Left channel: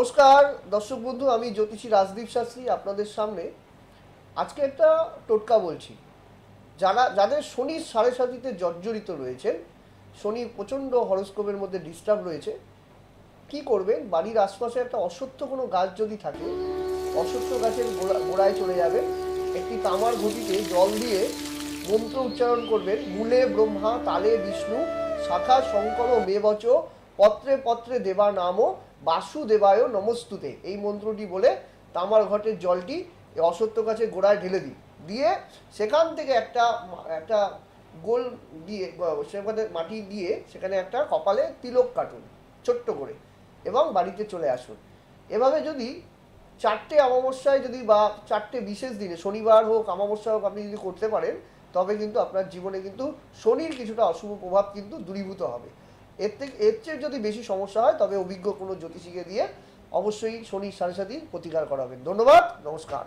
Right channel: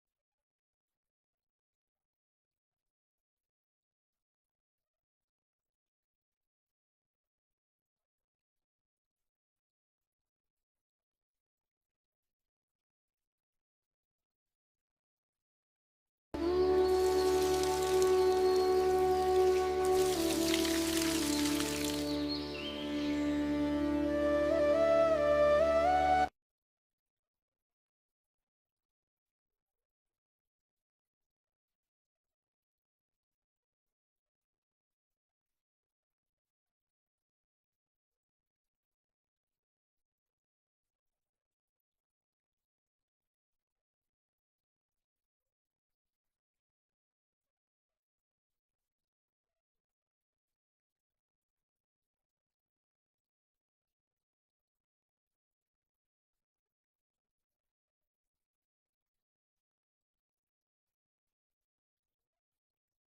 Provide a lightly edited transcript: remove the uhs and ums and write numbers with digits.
নমস্কার দর্শক বন্ধু, আমি জ্যোতিষী রাজদীপ শাস্ত্রী আপনাদের সামনে আজকে একটা টোটকা বলছি। যাদের শনির সাড়ে সাতিতে জর্জরিত রয়েছেন, শনি প্রচণ্ড হরোস্কোপের মধ্যে ডিস্টার্ব রয়েছে, কি করবেন? বাড়ির আশপাশে একটা অশ্বত্থ কোনো গাছ যদি থাকে, অশ্বত্থ গাছের গোড়ায় চলে যাবেন, একটি তামার ঘটিতে জল দিয়ে মন্ত্র উচ্চারণ করবেন। মূলে ব্রহ্মা, তালে বিষ্ণু, শাখা শঙ্কর মেবচ, পত্রে পত্রে দেবা নাম, বাসুদেবায় নমস্তুতে। এই মন্ত্রটি বলে তামার ঘটের জলটি এই অশ্বত্থ গাছের গোড়ায় ঢেলে দিই, দিয়ে সেখান থেকে একটা একটা গোল দিয়ে সেখানে মাটি দিয়ে সেখানে একটা কপালে তিলক কাটুন ছোট্ট করে, এবং বাড়িতে চলে আসুন। এভাবে যদি 4টে অমাবস্যায় যদি বা 4টে বিশেষ দিনে, শনিবার হোক অমাবস্যা হোক, আপনি যদি করতে পারেন, তবে কিন্তু আপনার জীবনে কিন্তু শনির কিছুটা অশুভ প্রভাব কিন্তু দূরীভূত হবে। এর চেয়ে যদি বেশি সমস্যা হয়, তবে অভিজ্ঞ কোনো জ্যোতিষীকে দিয়ে অবশ্যই শনির সাড়ে সাথী প্রতিকার করাবেন। ধন্যবাদ, নমস্কার।